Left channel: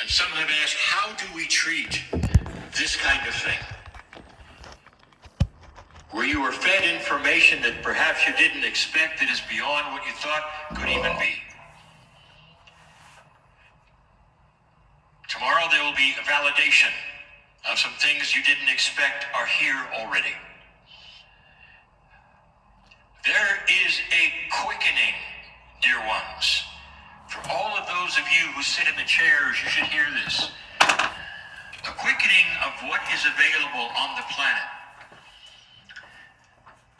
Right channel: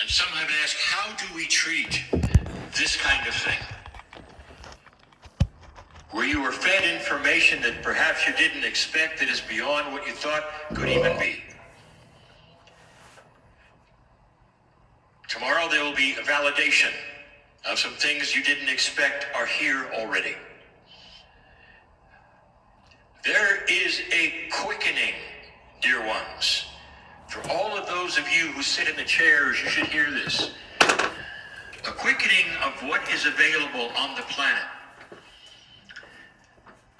And some have asked, how do we treat this kind of thing? Where you were fed information that perhaps you didn't expect, that is beyond what you thought could even be. Tomorrow there will be a validation of some things you didn't expect are here already. There is a quickening, dear ones. For all of those of you who sit in the chairs, you should hear this. A quickening of what is available on the planet.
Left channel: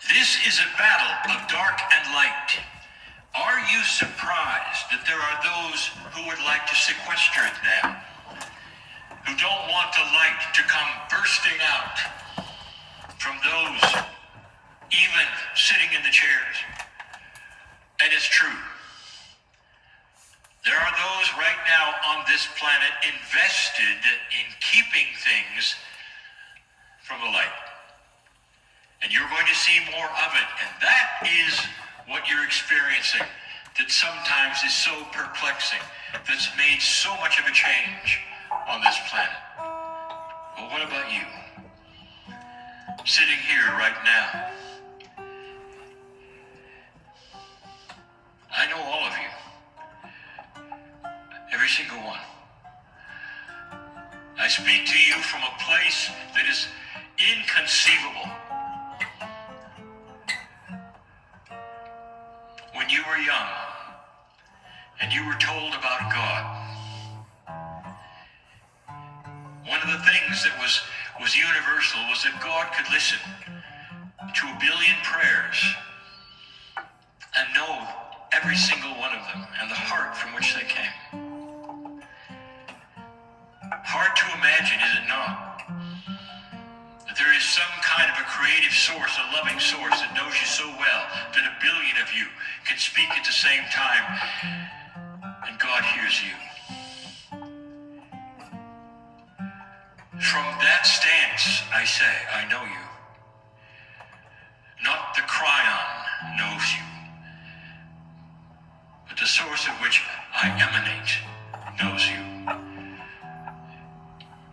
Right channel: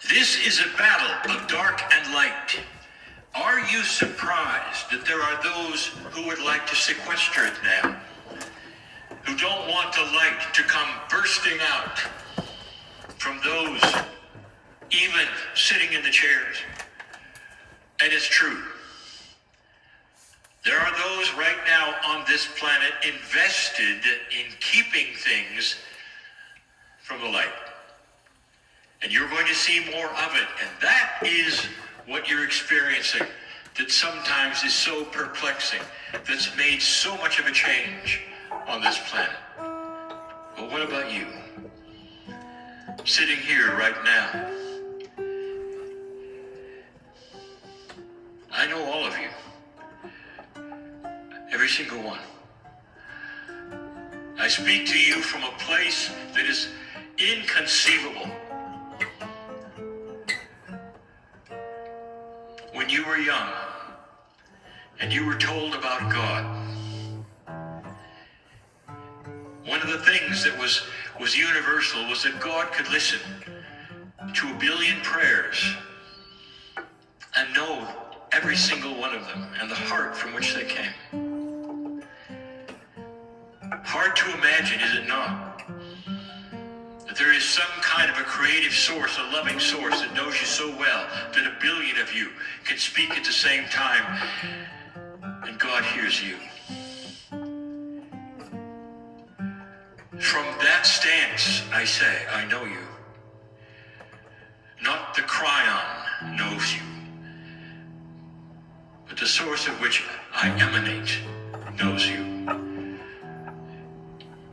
This is a battle of dark and light. Are you surprised that there are those who would like to sequester it now? Who don't want the light to come bursting out from those even sitting in the chairs? And it's true. There are those right now on this planet invested in keeping things from the light. And you're going to see more of it. And that is what you're experiencing, that sometimes is so perplexing, that's made so much of a change on this planet. Well, what about you? Sitting here right now. I know all of you. Every single one. I speak to you from a place that is inconceivable. When you were young and you were told about God, one of the things that was universal was that God could listen to 1 billion prayers and know every single one of them and the heart from which they came. Hard to imagine, is it not? That there is some kind of a creative source, a loving source that knows you so well that 1 billion of you can speak at the same time and God hears you. From that stance, I say, I know you. Not the cryon knows you, but the source of which I emanate knows you.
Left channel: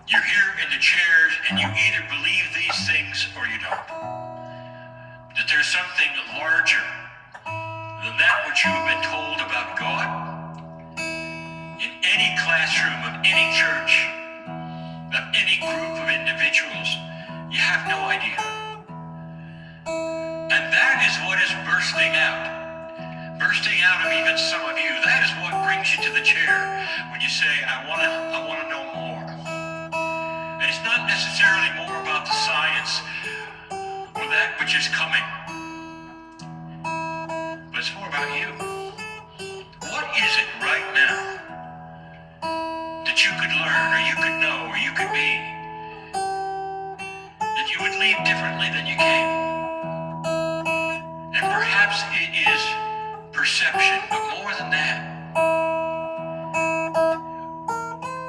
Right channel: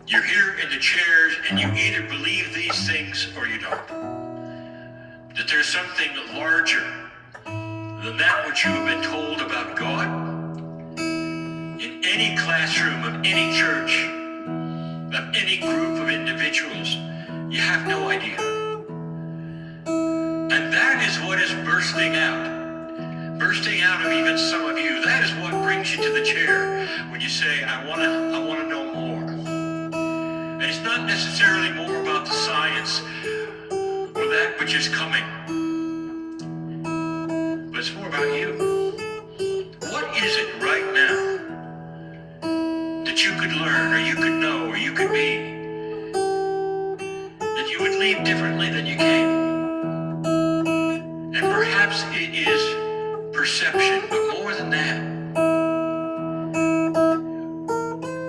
You're here in the chairs and you either believe these things or you don't. That there's something larger than that which you have been told about God. In any classroom of any church, of any group of individuals, you have no idea. And that is what is bursting out. Bursting out of even some of you. That is what brings you to the chair when you say, I want to know more. And it's not necessarily more about the science or that which is coming, but it's more about you. What is it right now that you could learn, or you could know, or you could be, that you would leave differently than you came? And perhaps it is perception, but more than that.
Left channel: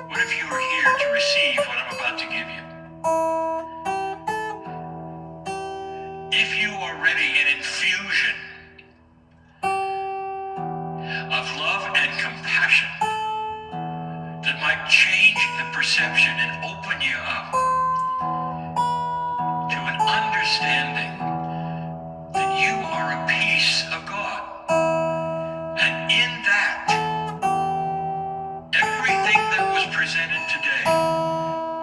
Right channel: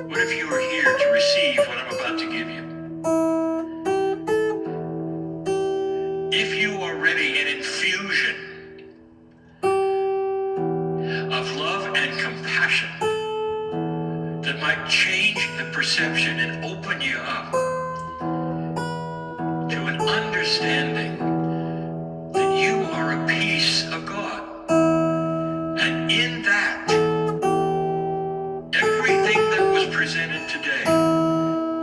What if you were here to receive what I'm about to give you? If you are ready, an infusion of love and compassion that might change the perception and open you up to an understanding that you are a piece of God. And in that, everything that was presented today,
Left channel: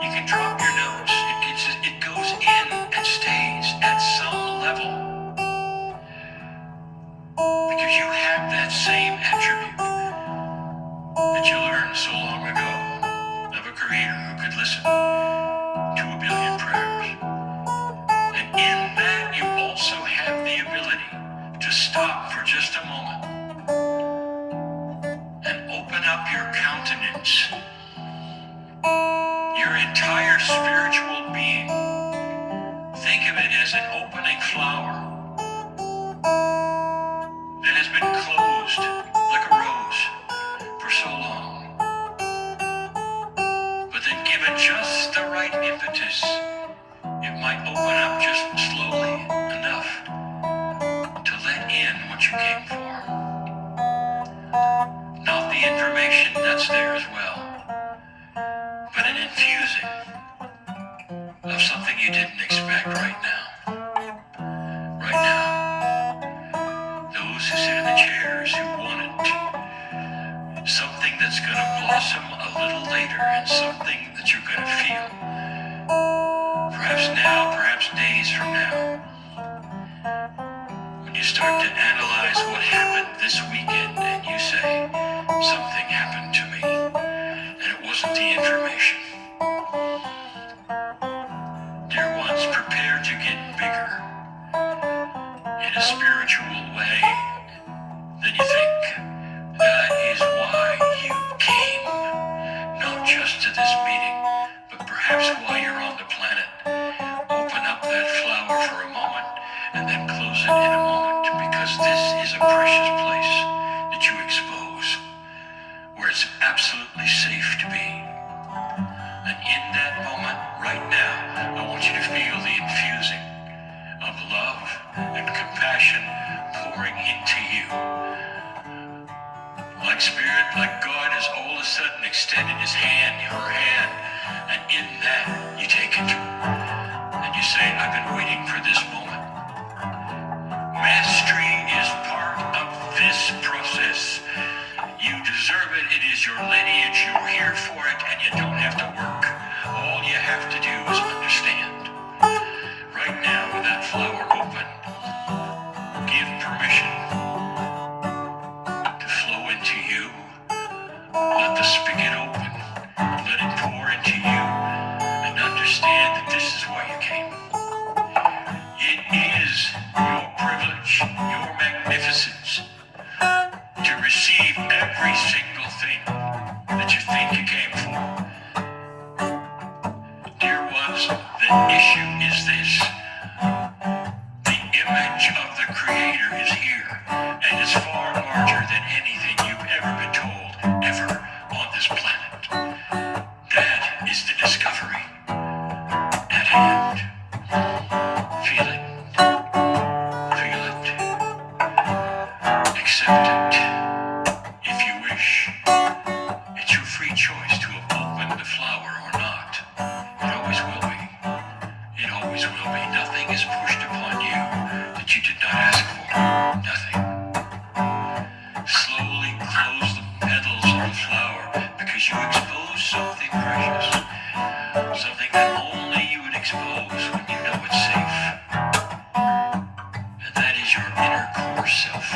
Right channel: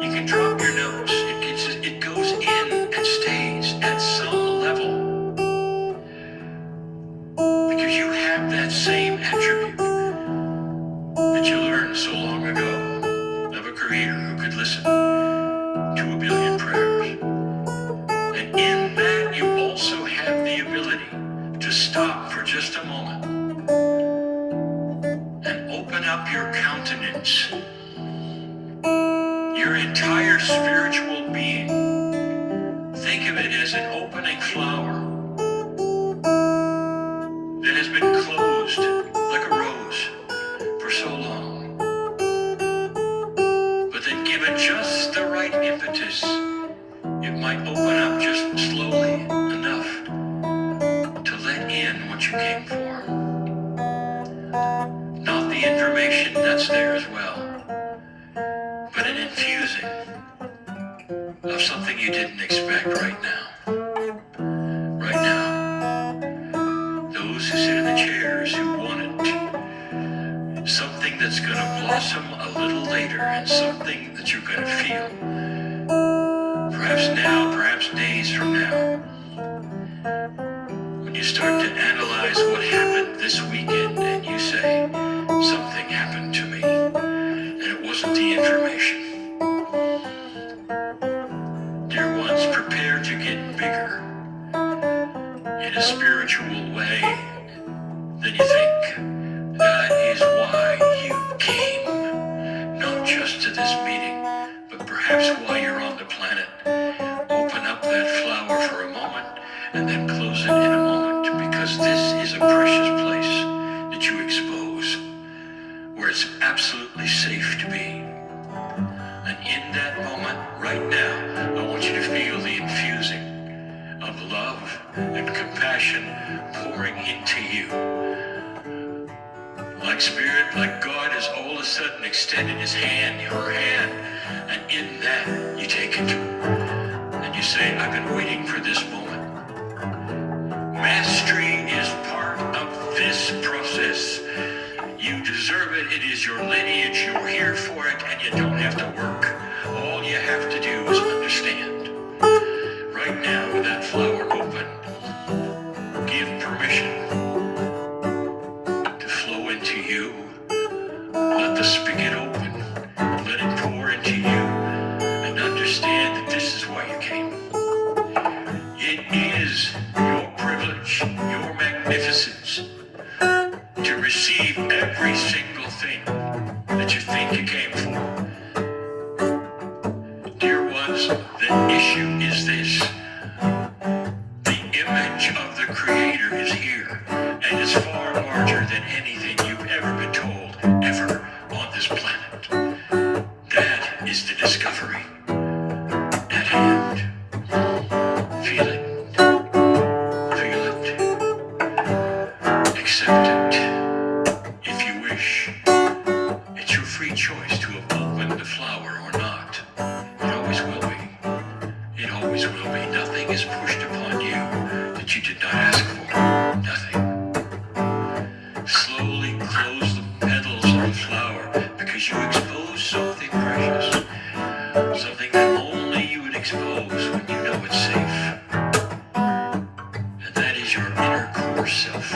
you can drop your nose. It goes in and stays at some level. Because you have that same attribute that you learned so long ago of a creator who could listen to 1 billion prayers. And in that, you also have the ability to stop for just a moment and open up your countenance, your entire spiritual being. Think of it as an opening flower that has been closed like a rose for so long, but then given just the right impetus, it might open up just slowly enough to let in what you came for. Not the information that's there as well, of something you didn't expect right now. Right now. Those who sit in the chairs who want it. Something that's going to blossom a little later and something that you're going to feel. Perhaps now, perhaps days from now. When you start to analyze what happened this weekend and you say, something happened to me, and it wasn't the information. Dear ones, prepare to get bigger in a spiritual way than you think. That is why you came, not just to this meeting, but perhaps while you're on the planet. Open up that flower for a moment and then close it in a moment, because this is a precious place that you expose, where it's absolutely safe to be. And in that moment, right now, I want you to feel the infusing of love and compassion pouring into you. Like Spirit, like God has all of a sudden extended his hand, her hand, and in that, you take it. And you say, I've been waiting for this moment. Mastery is part of this process. You deserve it. It is your lineage. You're here for it, and you don't have to work. All you have to do is understand. Right now, with that flower open, give permission to flow into you. Let the spigot open. Let it pour into you, and understand that this is why you came. It is your privilege, your magnificence, to receive every single thing that you think you came for. Dear ones, the issue is this. The image of the Creator is here, and is far larger than anything you've ever been told, ever, on this planet. That is the discovery at hand. Feel it. Feel it. Accept it. If you wish. It's your free choice to have opened the flower or not. It always will be. It always will be. Nothing is pushed upon you that you did not ask for. Nothing. Slowly close the petals of the flower, because you expose something precious. Something that only you would expose when you know it's safe. And that is your inner core self.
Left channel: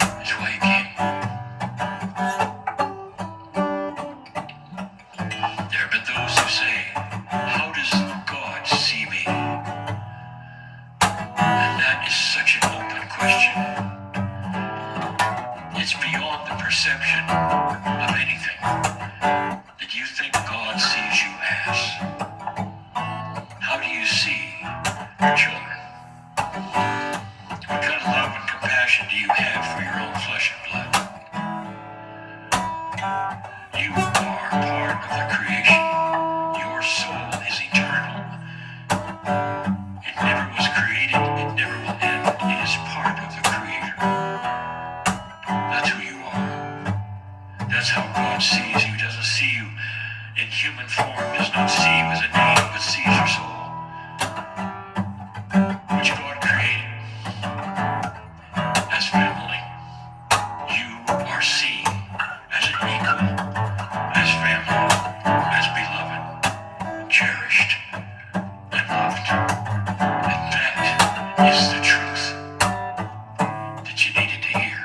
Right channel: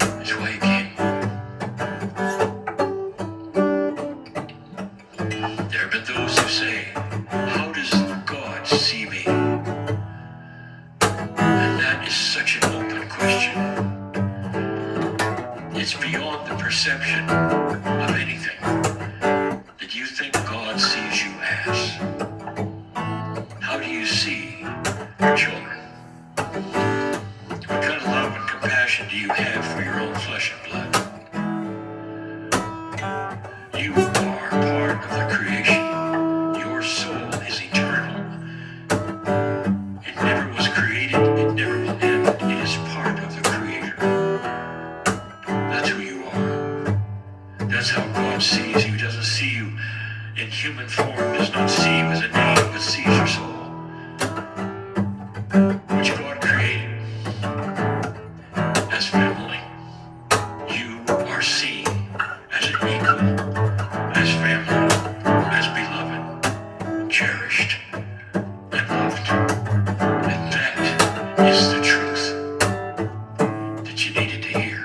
That's why you came. There have been those who say, how does God see me? And that is such an open question. It's beyond the perception of anything that you think God sees you as. How do you see your children? What kind of love and compassion do you have for your own flesh and blood? You are part of the creation. Your soul is eternal. It never was created. It never will end. It is part of the Creator. That's who you are. That's how God sees you. He doesn't see you in human form. Does not see you as a name, but sees your soul, which God created as family. You are seen as an equal, as family, as beloved, cherished, and loved. And that is the truth that you needed to hear.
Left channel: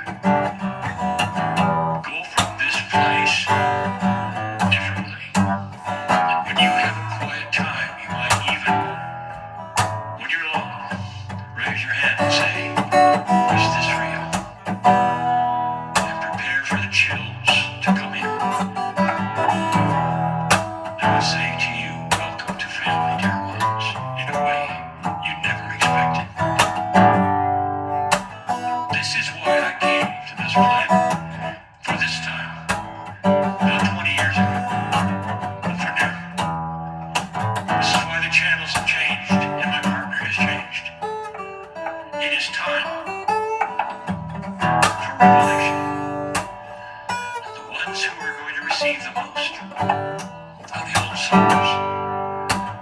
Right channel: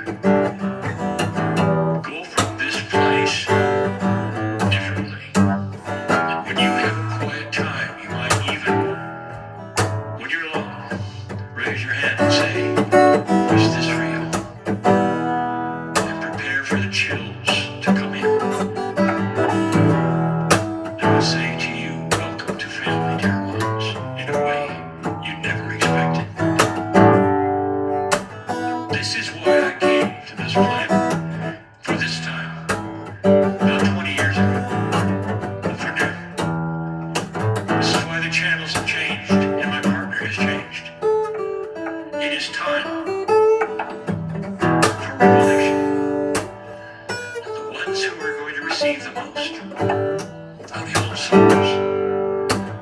Go from this place differently. And when you have a quiet time, you might even, when you're alone, raise your hand and say, is this real? And prepare for the chills to come in. I would say to you, welcome to family, dear ones, in a way you never expected. This is why I came to this planet for this time, not 20 years ago, but for now. This is why the channels have changed and my partner has changed. It is time for revelation. And the ones who are going to receive the most are the old soldiers,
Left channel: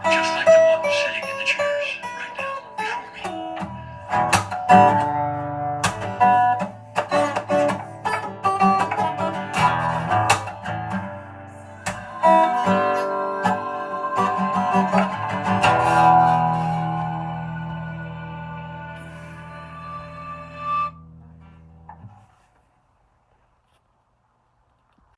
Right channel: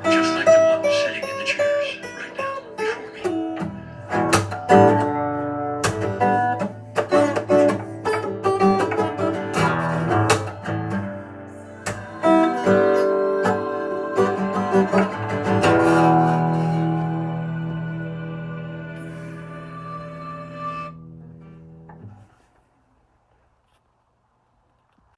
just like the ones sitting in the chairs right now before me.